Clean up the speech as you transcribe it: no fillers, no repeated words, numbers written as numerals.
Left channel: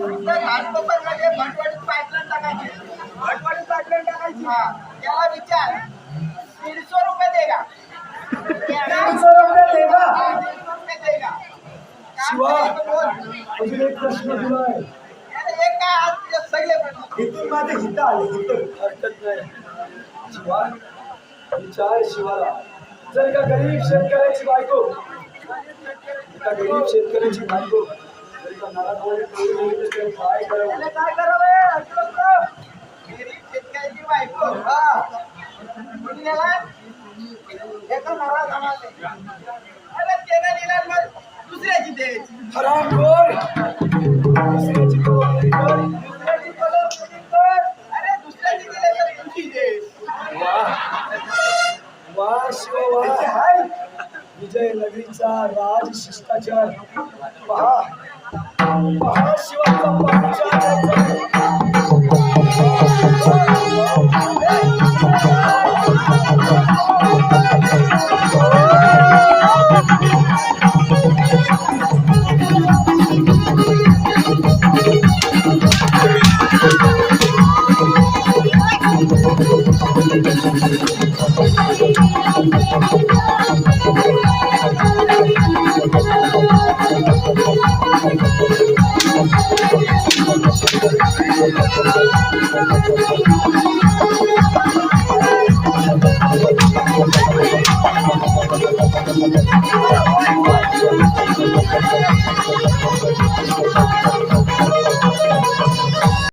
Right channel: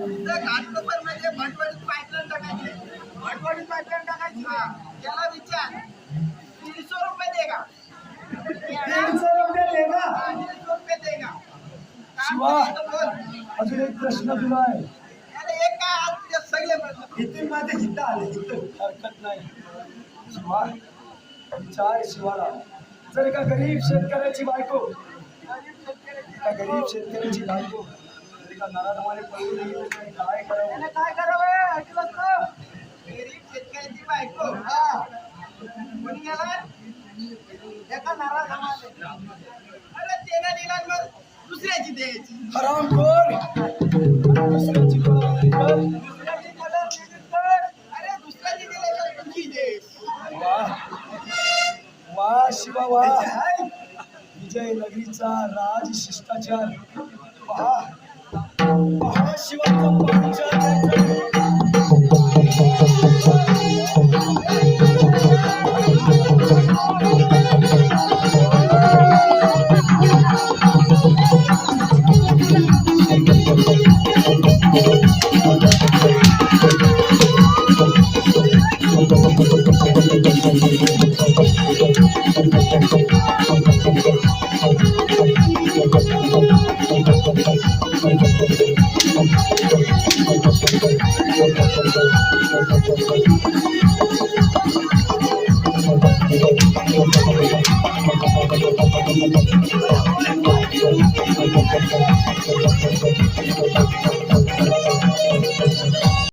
घाटकोपर मध्ये भटवाडीत पाईपलाईन टाकायची. भटवाडीत पाईपलाईन टाकायची. हा त्याला विचार 150 रुपये देगा. 150 रुपये देगा. 150 रुपये देगा. शिवा बोल. अजून एक प्रश्न दिलाय. अरे एक काय आज तुझे सगळे प्रश्न. इथून माझे हित आले हरकत नाही. शिवा विचार शिवाला, जर का गरीब शेतकऱ्याची बायको जर का नराधमाने पळून गेली तर काय करावं? त्याला काय करावं अजिबात. गरीब शेतकऱ्याची बायको हा कोणी गेला एका नाराज आम्हाला. अरे त्याला दिला मग दुसऱ्याची द्यायची. हरामखोर दुसऱ्याची कबुली कर. दुसऱ्याची कबुली कर. अरे दुसऱ्याची दिले तर तुझी दे. वा शिवा वा. विजयनगरीचा राज शिष्टाचार पहा पहा शिवाचा पंचाल.